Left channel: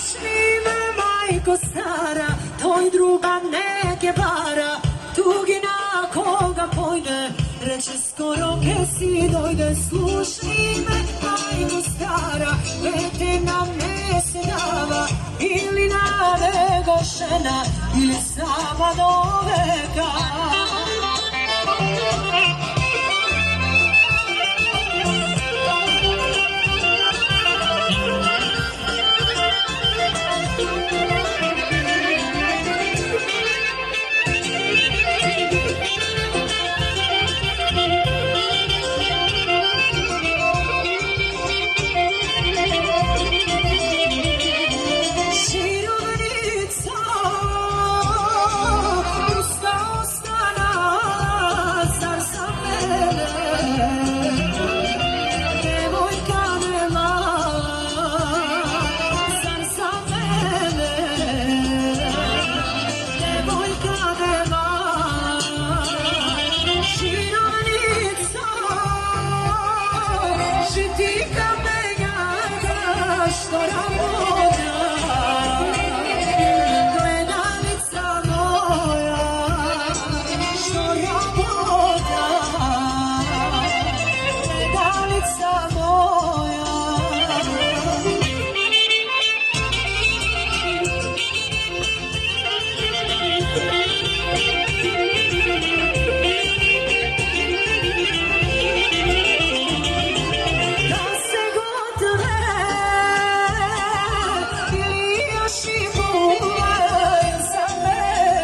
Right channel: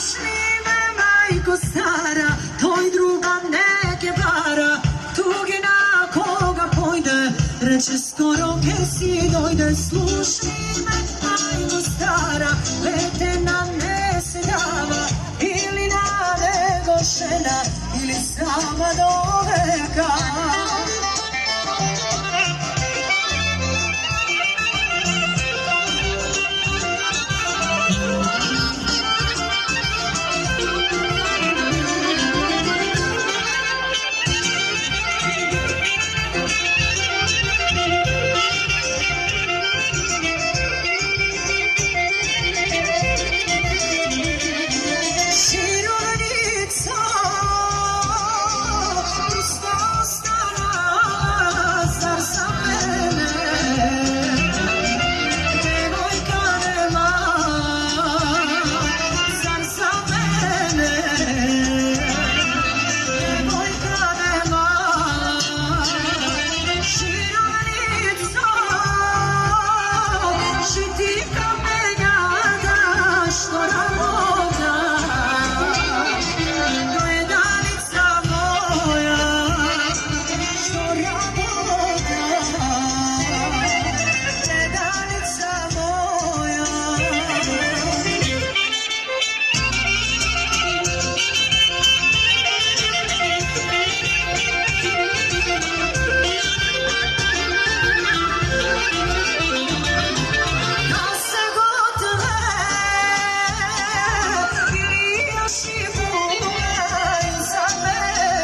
slušni me, majko stara, tvoj druga neke vara, tugina koga pojde, reče skoro gdje si dojde. Slušni me, majko stara, vete nam ne se dava, ili na nego žena, ili sama do veka.